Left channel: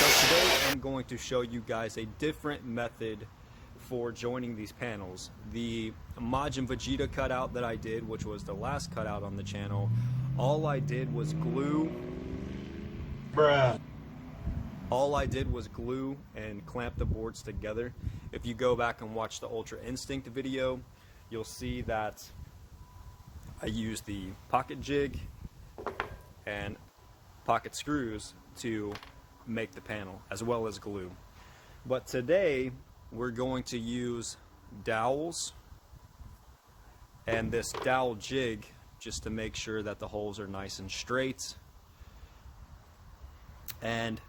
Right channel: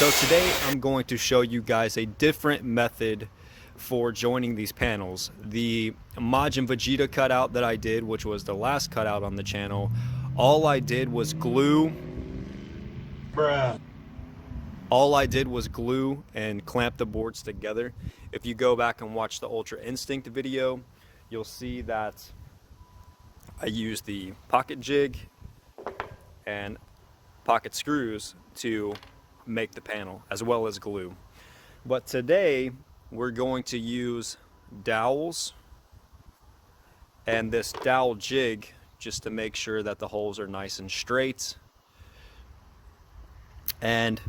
So today I'm going to show you guys a different method for joining these panels. The Majin Vegeta cutout that I did, which was the last cutout on the channel, all I did was glue. All I did was glue and clamp the boards together. If you go back and watch the Ultra Instinct video, you'll see that I used the pocket jig and pocket screws to make the panel, as well as glue. But today we're going to use dowels and this dowel jig just to make sure that the holes are nice and straight. And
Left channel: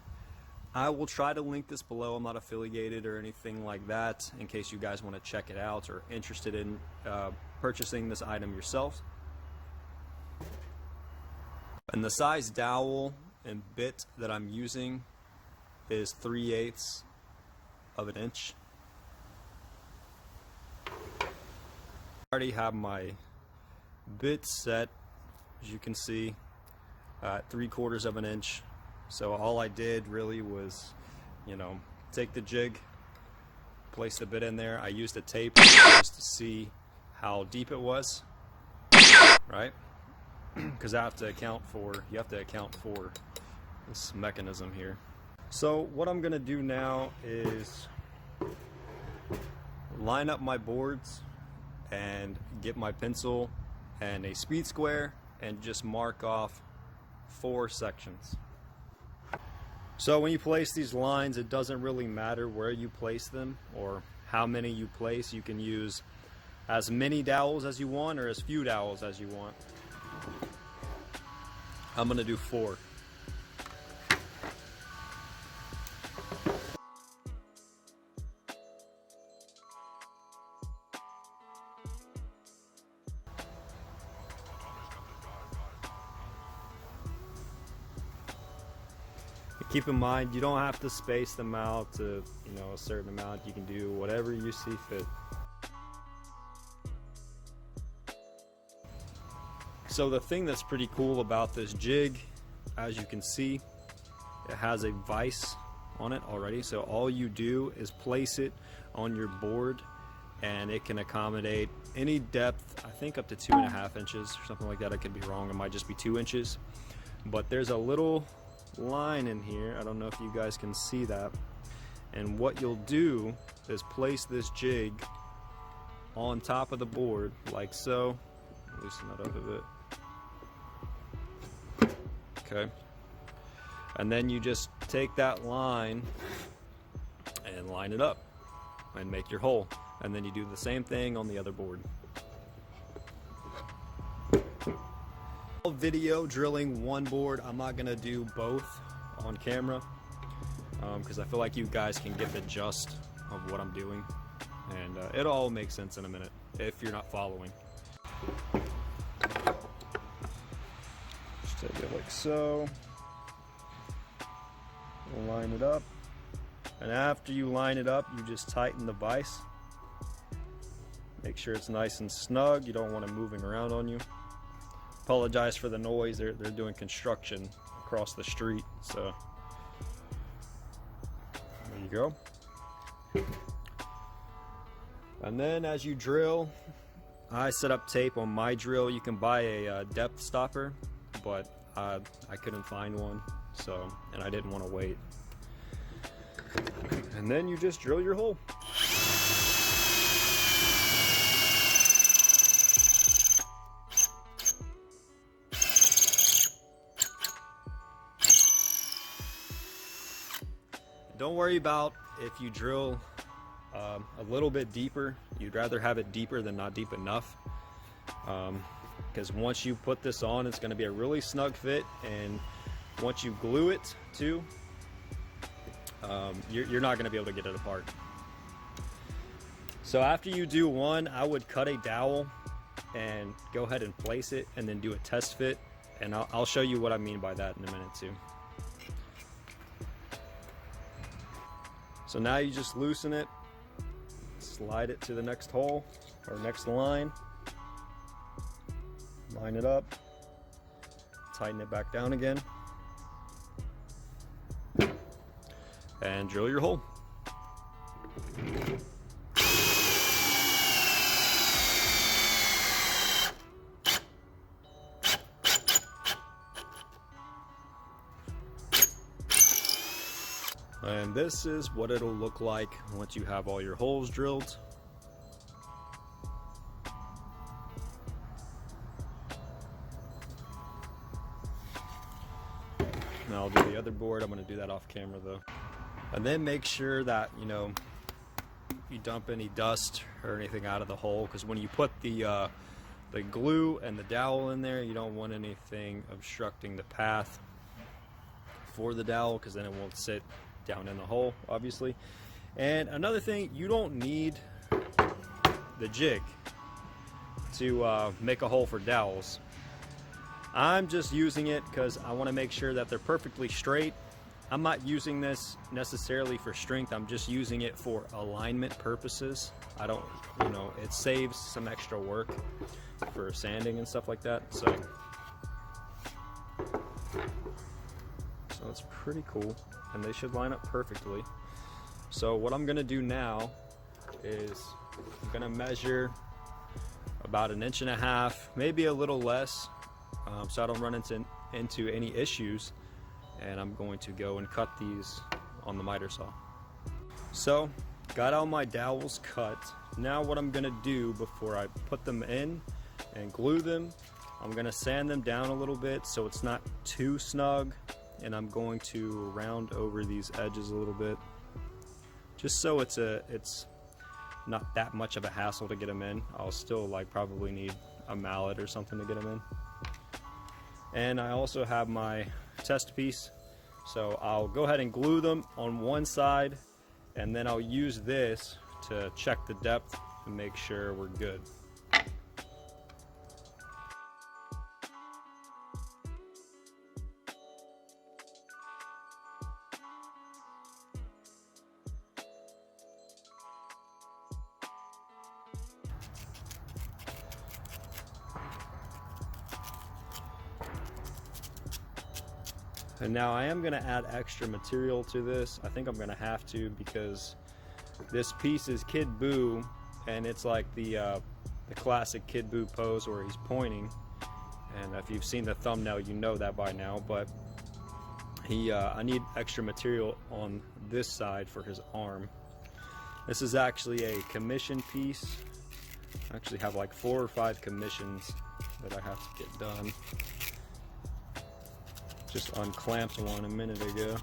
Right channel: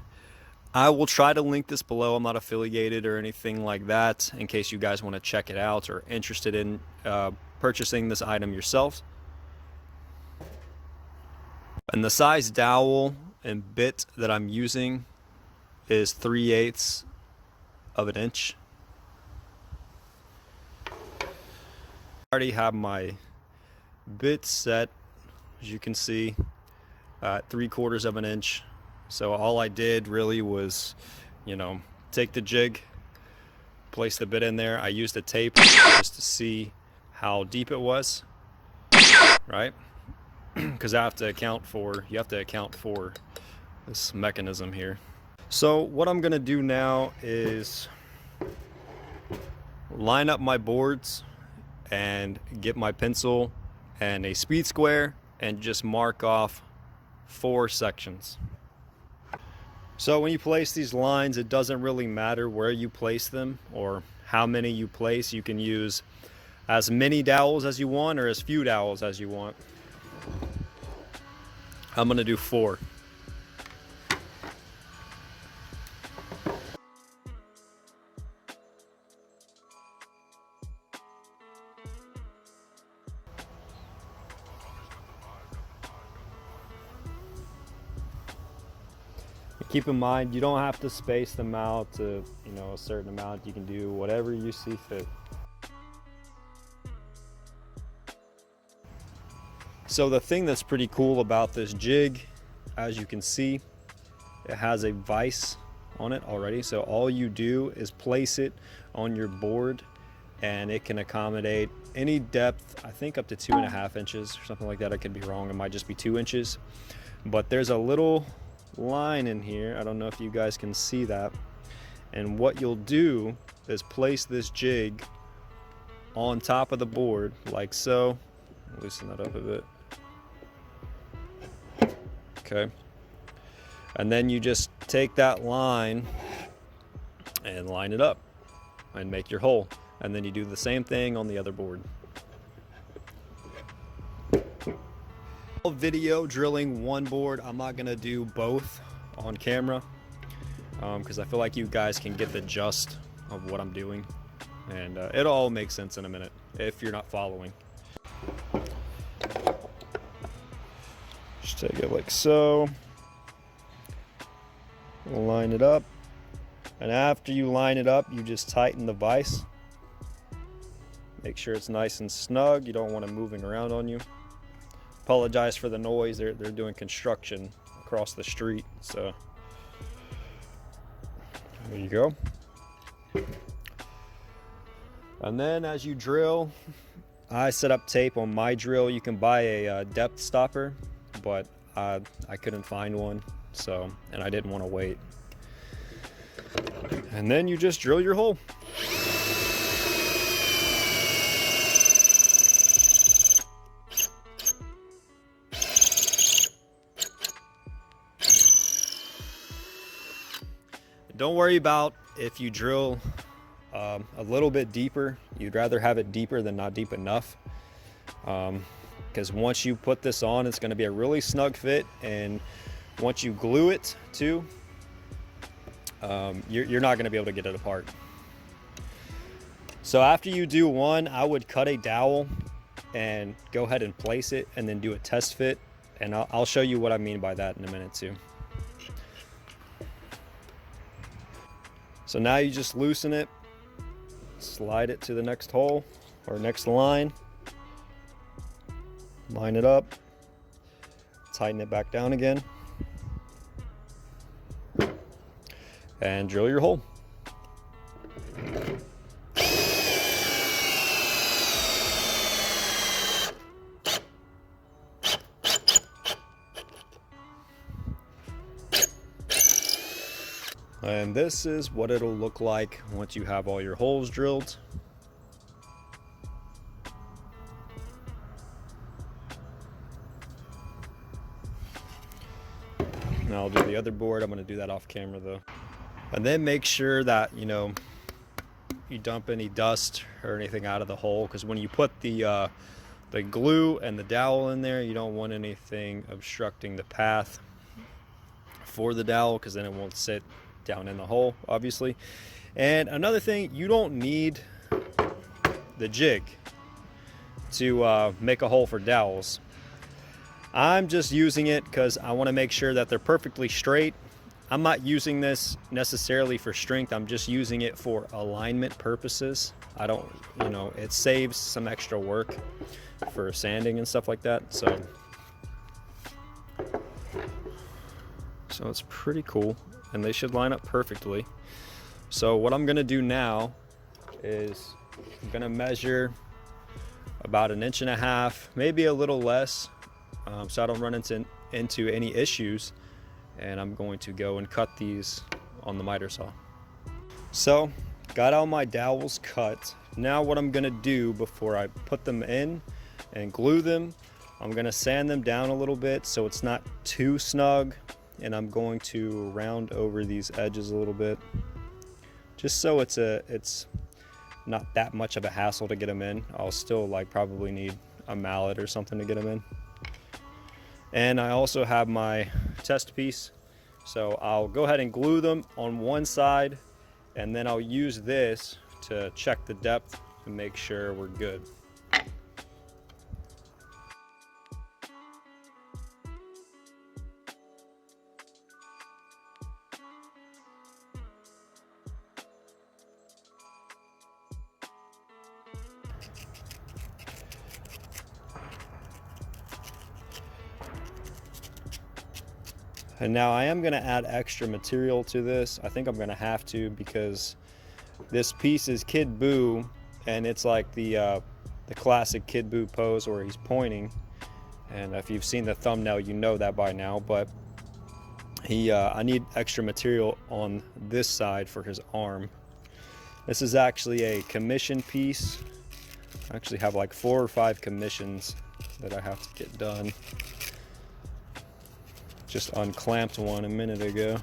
I will try to link this below. I'm not affiliated or anything like that, in case you guys want to check it out or interested in purchasing this item yourself. And the size dowel and bit that I'm using is 3/8 of an inch. I already have my bit set, as you can see, at 3/4 of an inch. So all I did really was, take the jig, place the bit in there. I used a tape just to see how deep it was, right? Because you have to account for this mechanism here. So what I'm gonna do now is line up my boards and get my pencil and a speed square and just mark off 4 sections. So when you place these lines, it doesn't really matter where you place them or how many you place. You can use as many dowels as you want or as few dowels as you want. I'm gonna do 4. Keep in mind, you don't have to space them out to, a certain amount. You can do whatever you see fit. So the thing that's pretty cool about this jig, as you can see, it has a vise on it already. So all you do is place it on your board and it can accommodate any depth, I think up to 2.5 inches, or something like that. I could be wrong, it might just be 2 inches. But there's a little line in here, I don't know if you guys can see that, and what you'll do is place this jig on top of the board like so. Loosen that up a bit. Okay, and then you just take that line and line it up and make your hole, and then you do the same thing on the other board. Video drilling one board. I'm not gonna do both on camera because I feel like you guys can get the gist of what I'm doing, and it'll all make sense in a minute if you're not following. Just take it like so, line it up, and after you line it up, you just tighten the vise. Make sure it's nice and snug. You don't want it moving around on you. Apologize for the noise. They're doing construction across the street, so there you go. And then as you drill, I set up tape on my drill. You can buy a depth stopper, but I couldn't find one, and I didn't want to wait. And then you just drill your hole. Don't worry about if you drill a little bit deeper. You'd rather have it deeper than not deep enough, because once you put this on, it's going to be a really snug fit, and once you glue it too, you're not going to be able to get it apart. So after you do one, I would cut a dowel and go ahead and place it and then do a test fit, and I'll show you what I mean by that in a minute too. So now you just loosen it, slide it to the next hole or next line, line it up, tighten it back down again. and drill your hole. And this is what it'll look like once you have all your holes drilled. Now I'll do the other board. I'm going to do that off camera though. And then make sure that, you know, you dump any dust or anything out of the hole, because when you put the glue and the dowel in there, you don't want anything obstructing the path for the dowel, because then it won't sit down in the hole, obviously. And another thing, you don't need the jig to make a hole for dowels. I'm just using it because I want to make sure that they're perfectly straight. I'm not using this necessarily for strength. I'm just using it for alignment purposes. I don't, you know, it saves some extra work for sanding and stuff like that. So it's pretty cool, and they should line up perfectly. So what I'm gonna do now is I'm gonna measure about 1.5 inches, maybe a little less, so I don't run into any issues. And I'm going to go and cut these on the miter saw. So got all my dowels cut. Now what I'm gonna do before I put them in and glue them, I'm gonna sand them down a little bit so it's not too snug, and I'm going to round over these edges a little bit, just so it's not that much of a hassle to get them in. I'll still probably need a mallet or something to get them in. And I also have my test piece, so I'll go ahead and glue them on one side, and then I'll use this to check the depth to make sure we're good. And now I am going to add extra material to this. I think I'm going to have to, because this piece is Kid Buu, and it's like the classic Kid Buu pose where he's pointing. And if you've seen the thumbnail, you know that by now. But I need extra material on this side for his arm. This is actually a commission piece. I actually have like 4 or 5 commissions that I have to get done. Just unclamped one a minute ago,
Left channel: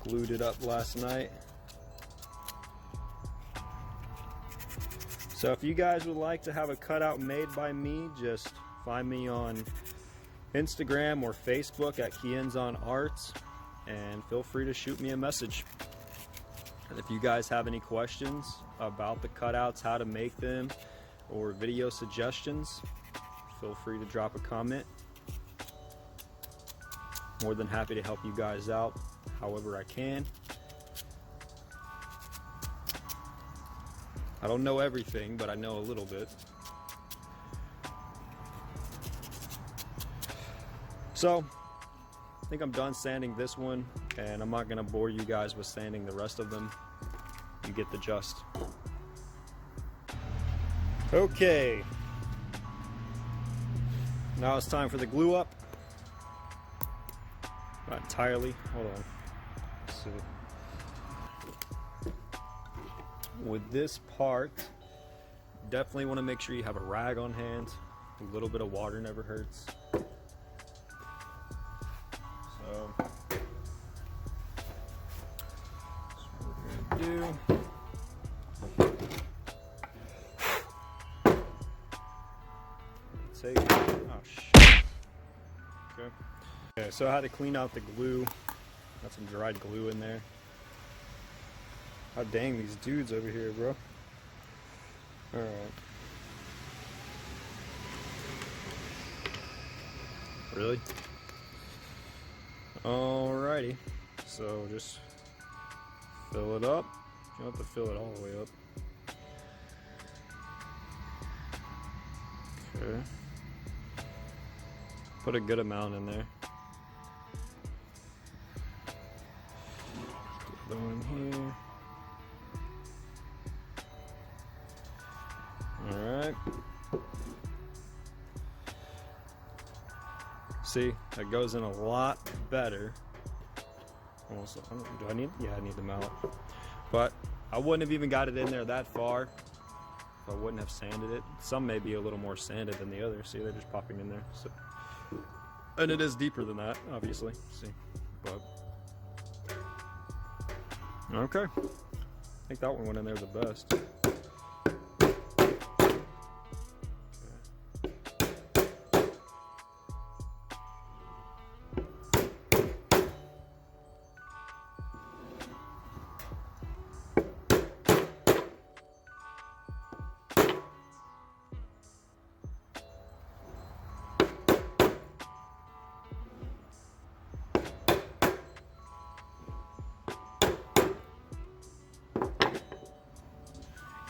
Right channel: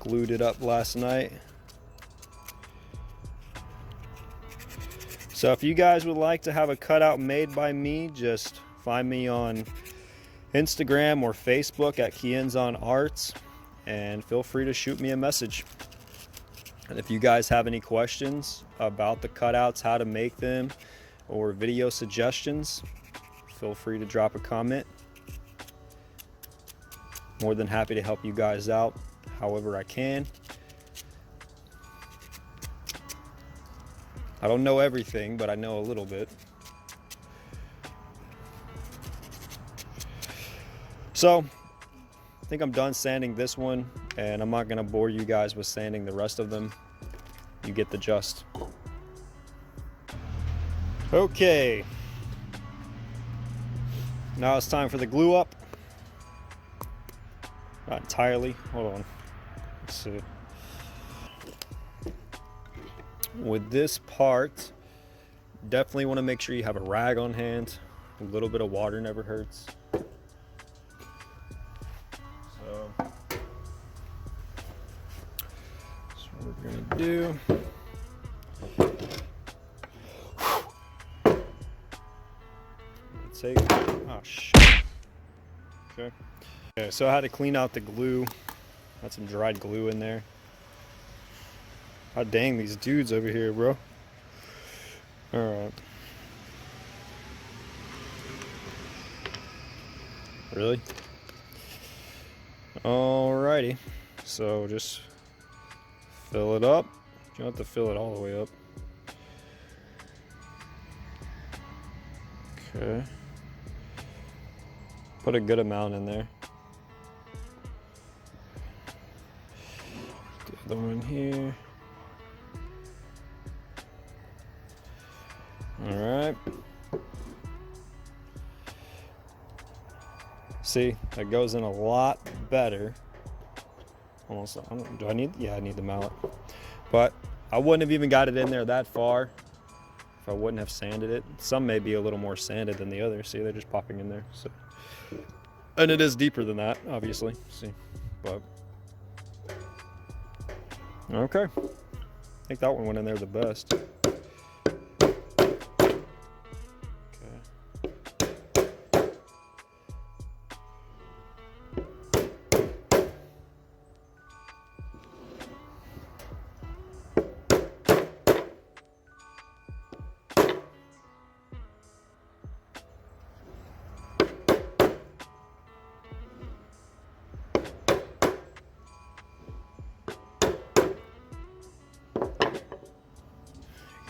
glued it up last night. So if you guys would like to have a cutout made by me, just find me on Instagram or Facebook at KIENZAN Arts, and feel free to shoot me a message. And if you guys have any questions about the cutouts, how to make them, or video suggestions, feel free to drop a comment. More than happy to help you guys out however I can. I don't know everything, but I know a little bit. So I think I'm done sanding this one, and I'm not going to bore you guys with sanding the rest of them. You get the gist. Okay, now it's time for the glue up. Not entirely. Hold on. Let's see. With this part, definitely want to make sure you have a rag on hand. A little bit of water never hurts. So that's what we're gonna do. Oh shit. Okay. Okay, so I had to clean out the glue. Got some dried glue in there. God dang, these dudes over here, bro. Alright. Really? Alrighty. So just fill it up. You don't have to fill it all the way up. Okay. Put a good amount in there. The other in here. All right. See, that goes in a lot better. Almost, do I need, yeah, I need the mallet. But I wouldn't have even got it in there that far if I wouldn't have sanded it. Some may be a little more sanded than the others. See, they're just popping in there. So, and it is deeper than that, obviously. See, but okay. I think that one went in there the best.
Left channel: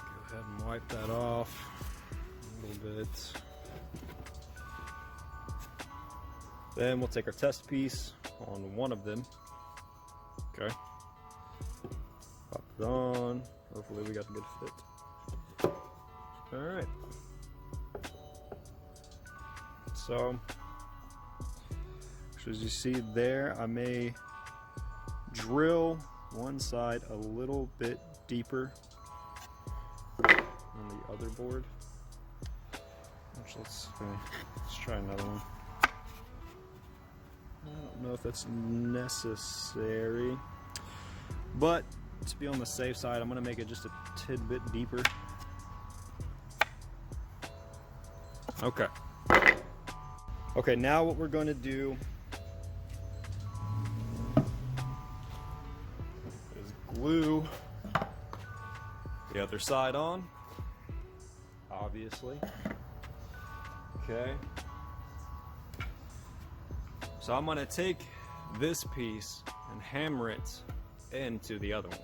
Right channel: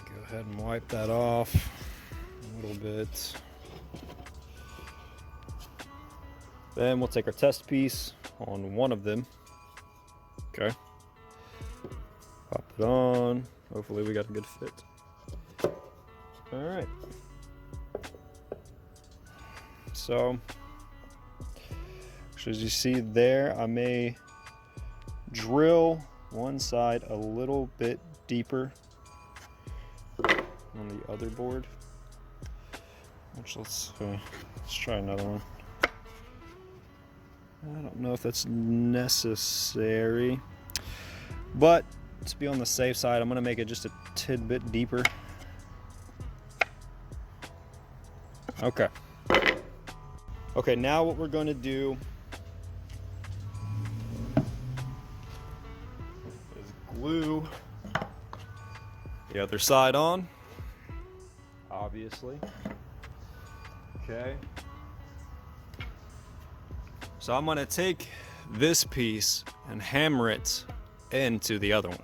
Go ahead and wipe that off a little bit. Then we'll take our test piece on one of them. Okay. Pop it on. Hopefully we got a good fit. All right. So, as you see there, I may drill one side a little bit deeper on the other board. Which let's try another one. I don't know if that's necessary, but to be on the safe side, I'm going to make it just a tidbit deeper. Okay. Okay, now what we're going to do is glue the other side on, obviously. Okay. So I'm going to take this piece and hammer it into the other one.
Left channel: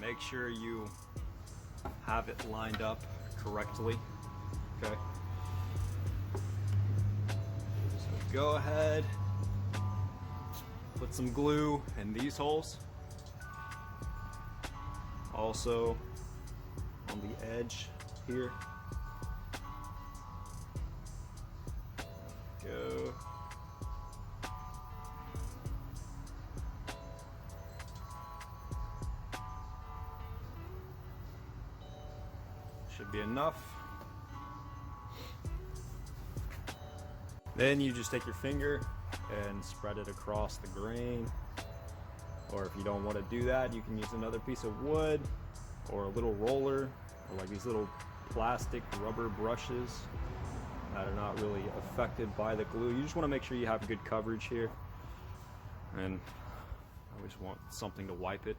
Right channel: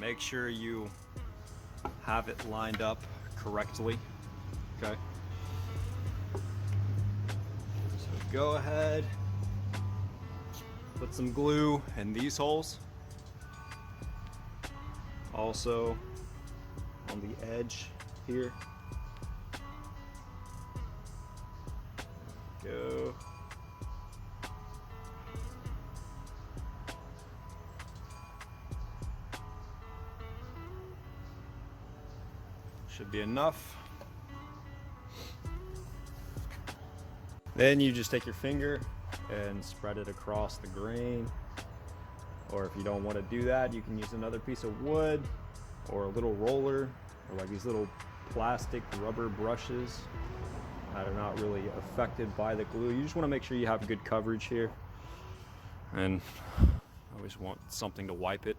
Make sure you have it lined up correctly. Okay. So go ahead, put some glue in these holes. Also on the edge here. Go. Should be enough. Then you just take your finger and spread it across the grain. Or if you don't want to do that, you can use another piece of wood or a little roller, or like these little plastic rubber brushes that are not really affected by the glue. You just want to make sure you have good coverage here. And always want something to wipe it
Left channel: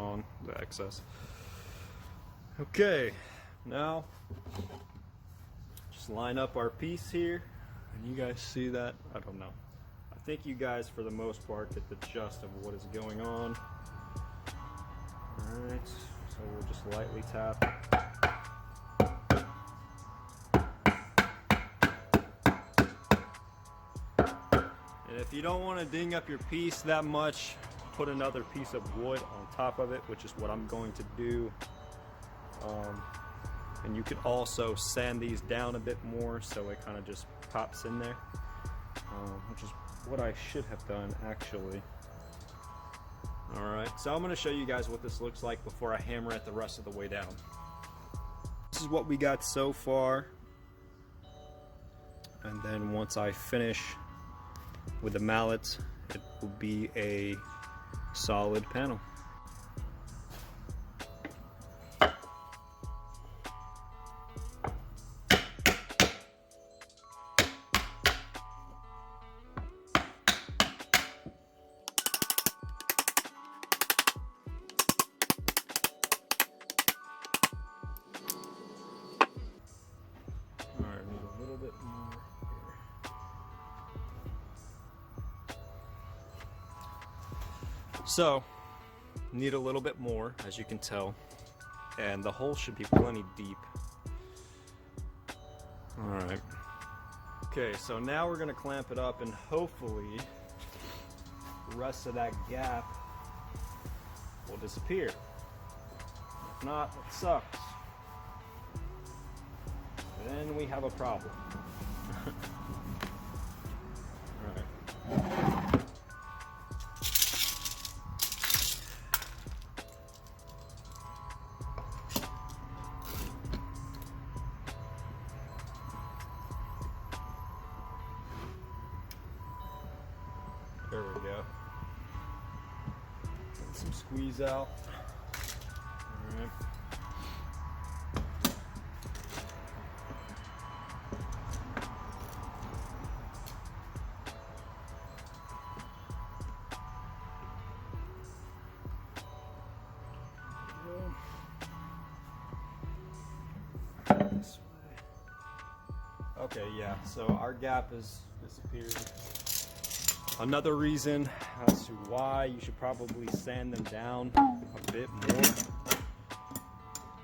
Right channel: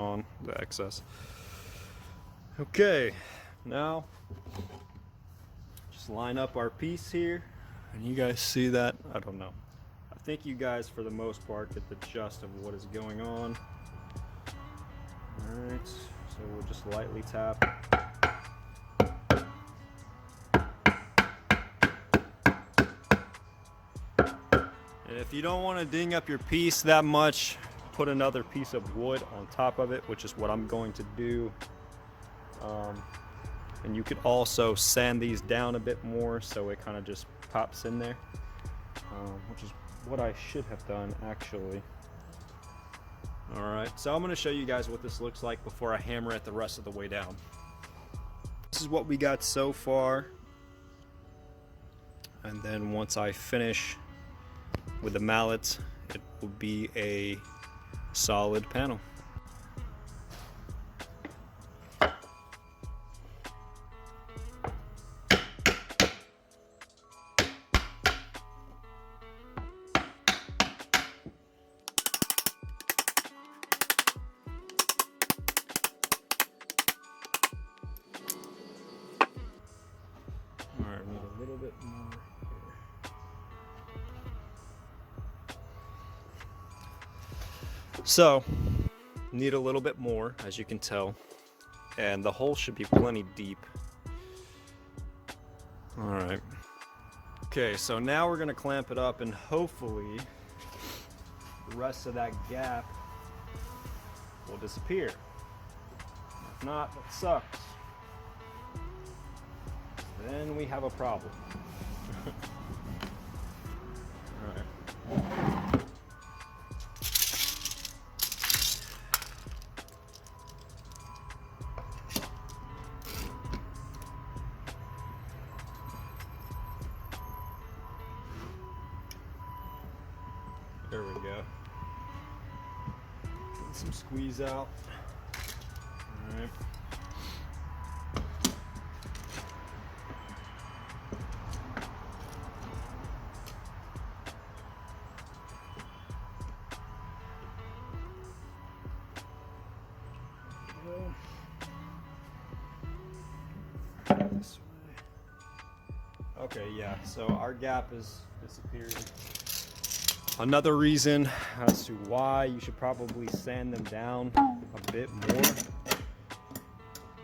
on the excess. Okay, now just line up our piece here. And you guys see that? I don't know. I think you guys, for the most part, get the gist of what is going on. Alright, so we'll just lightly tap. And if you don't want to ding up your piece that much, put another piece of wood on top of it, which is what I'm going to do. And you could also sand these down a bit more so it kind of just pops in there, which is what I should have done actually. Alright, so I'm going to show you guys what this looks like before I hammer it the rest of the way down. This is what we got so far, and then once I finish with the mallet, it will be a solid panel. So, need a little bit more, as you can tell. and the hole should be plenty deep. All right. Okay, so now we're gonna clamp it up, and hopefully the rest of that gap will disappear. If not, it sucks. Then we have a problem. All right. There we go. Get some squeeze out. All right. Okay, yeah, so our gap is disappearing. Another reason as to why you should probably sand them down a bit more,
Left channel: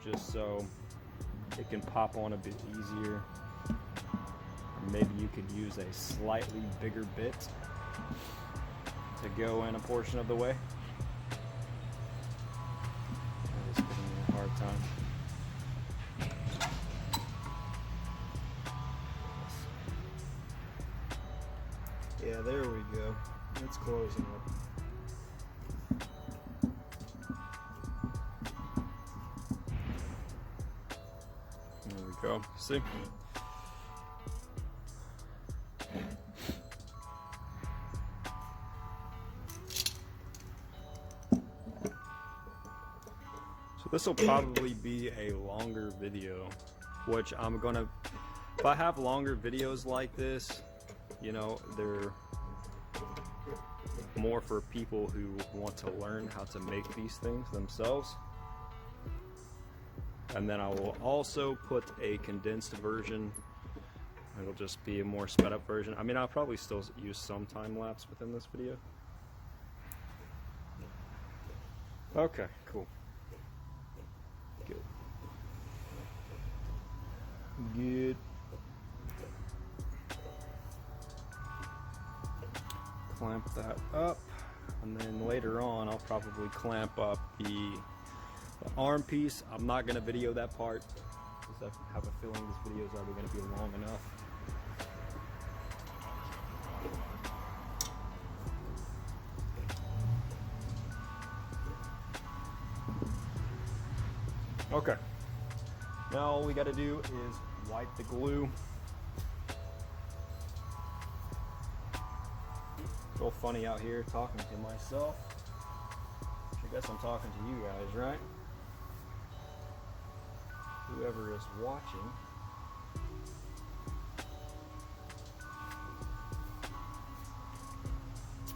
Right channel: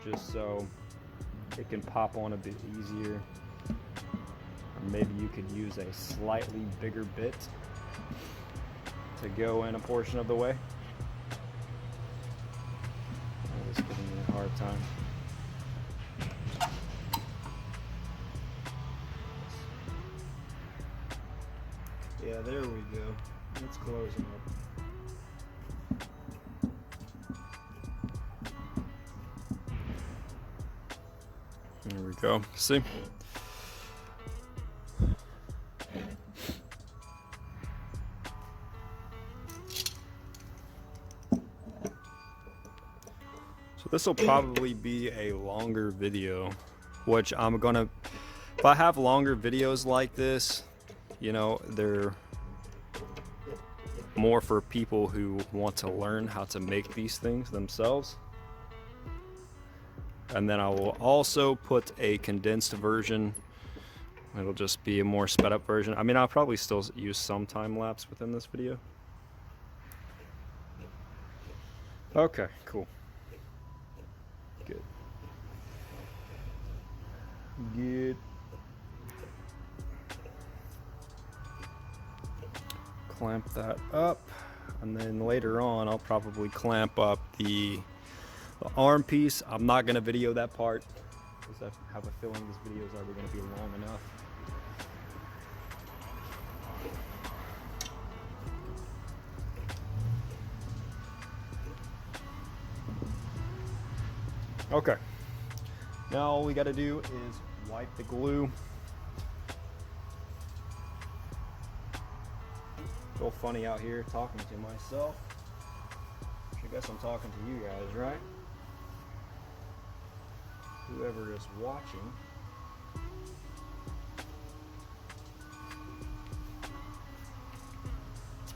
just so it can pop on a bit easier. Or maybe you could use a slightly bigger bit to go in a portion of the way. I'm just giving you a hard time. Yeah, there we go. It's closing up. There we go. See? So this will probably be a longer video, which I'm gonna, if I have longer videos like this, you know, they're more for people who want to learn how to make these things themselves. And then I will also put a condensed version. It'll just be a more sped up version. I mean, I'll probably still use some time lapse within this video. Okay, cool. Good. Good. Clamp that up, and then later on I'll probably clamp up the arm piece. I'm not going to video that part because I have a feeling this video is already going to be long enough. Okay, now all we got to do is wipe the glue. Real funny out here talking to myself. I guess I'm talking to you guys, right? Whoever is watching.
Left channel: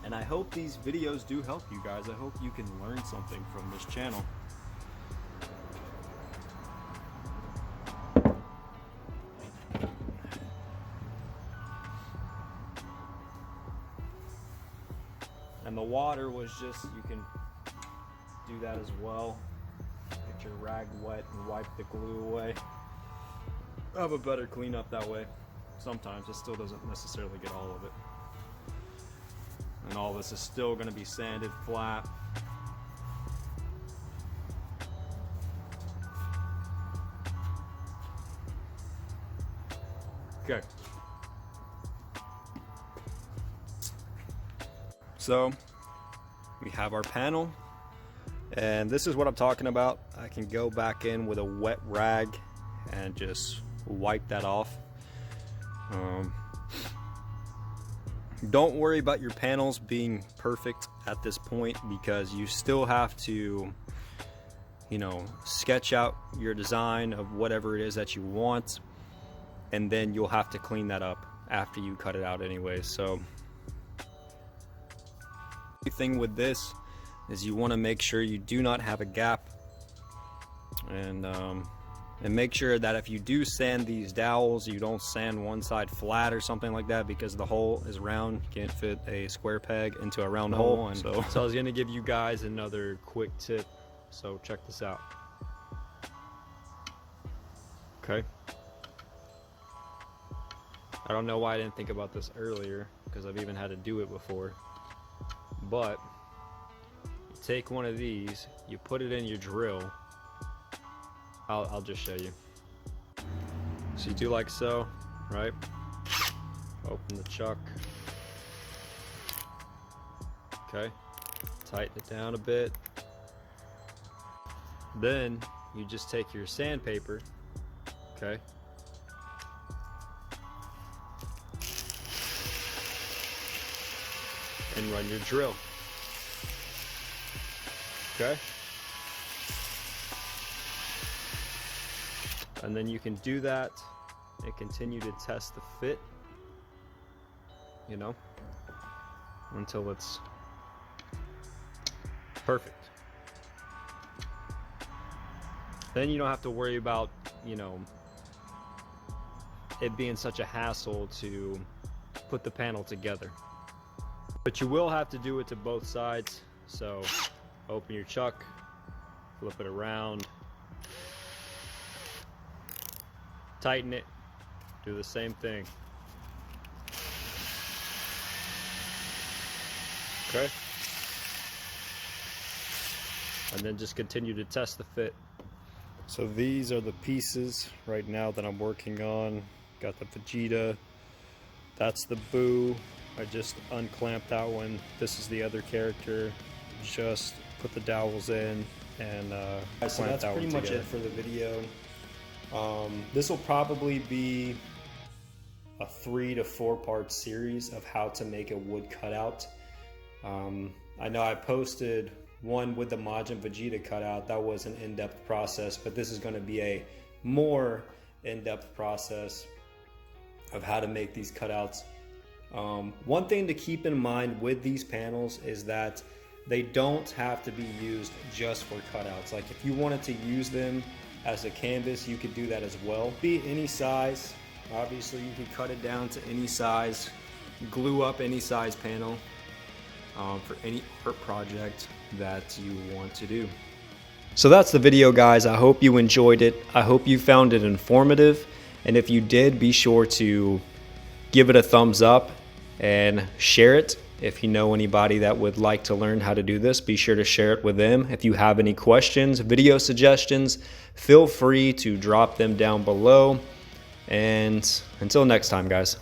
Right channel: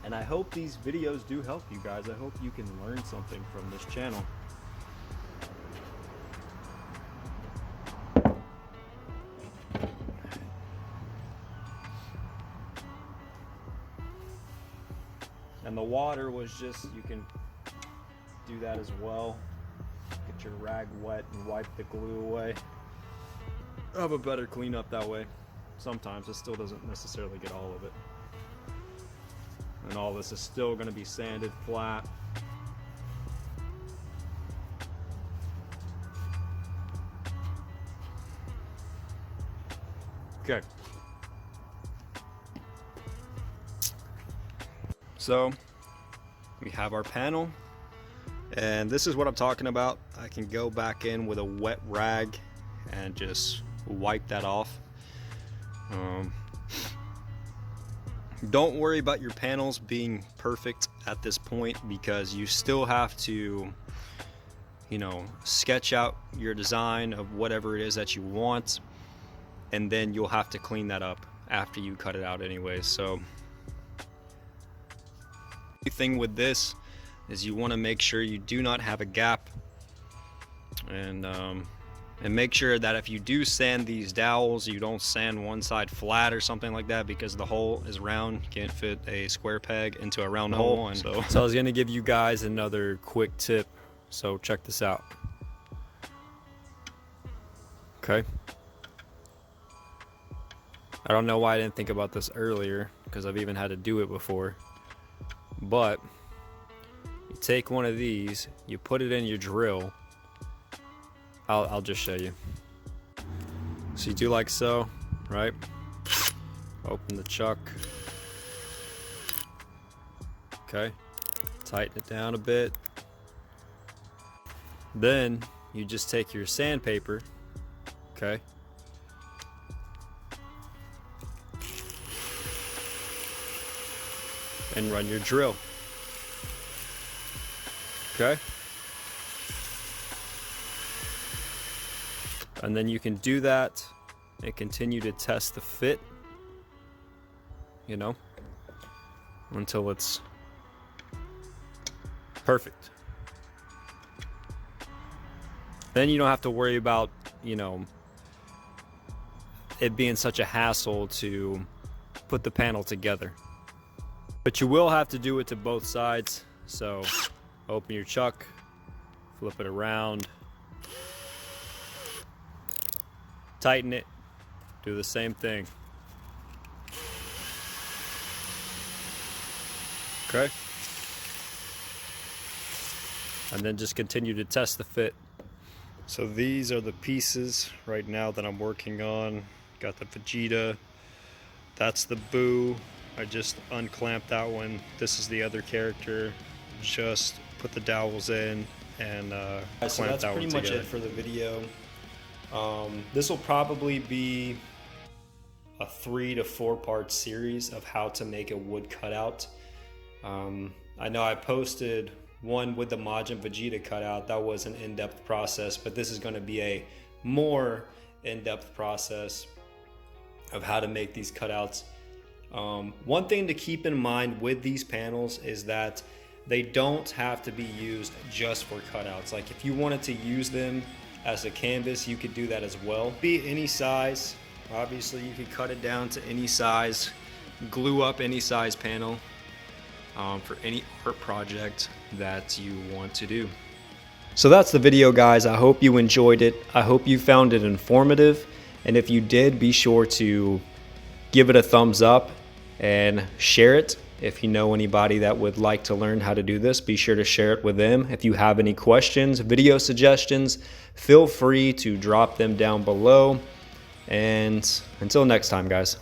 And I hope these videos do help you guys. I hope you can learn something from this channel. And the water was just, you can do that as well. Get your rag wet and wipe the glue away. Have a better cleanup that way. Sometimes it still doesn't necessarily get all of it. And all this is still going to be sanded flat. Okay. So we have our panel, and this is what I'm talking about. I can go back in with a wet rag and just wipe that off. Don't worry about your panels being perfect at this point, because you still have to, you know, sketch out your design of whatever it is that you want, and then you'll have to clean that up after you cut it out anyway. So the thing with this is you want to make sure you do not have a gap, and make sure that if you do sand these dowels, you don't sand one side flat or something like that, because the hole is round. You can't fit a square peg into a round hole. And so I was going to give you guys another quick tip, so check this out. Okay. I don't know why I didn't think about this earlier, because I've even had to do it before. But you take one of these, you put it in your drill. I'll just show you. So you do like so, right? Open the chuck. Okay. Tighten it down a bit. Then you just take your sandpaper, okay? And run your drill. Okay? And then you can do that and continue to test the fit, you know, until it's perfect. Then you don't have to worry about, you know, it being such a hassle to put the panel together. But you will have to do it to both sides. So open your chuck, flip it around, tighten it, do the same thing. Okay. And then just continue to test the fit. So these are the pieces right now that I'm working on. Got the Vegeta, that's the Buu. I just unclamped that one. This is the other character. Just put the dowels in and So that's pretty much it for the video. This will probably be a 3 to 4 part series of how to make a wood cutout. I know I posted one with the Majin Vegeta cutout. That was an in-depth process, but this is going to be a more in-depth process of how to make these cutouts. One thing to keep in mind with these panels is that they don't have to be used just for cutouts. Like if you wanted to use them as a canvas, you could do that as well. Be any size. Obviously you could cut it down to any size, glue up any size panel for any art project that you want to do. So that's the video, guys. I hope you enjoyed it. I hope you found it informative. And if you did, be sure to give it a thumbs up and share it. If you know anybody that would like to learn how to do this, be sure to share it with them. If you have any questions, video suggestions, feel free to drop them down below. And until next time, guys.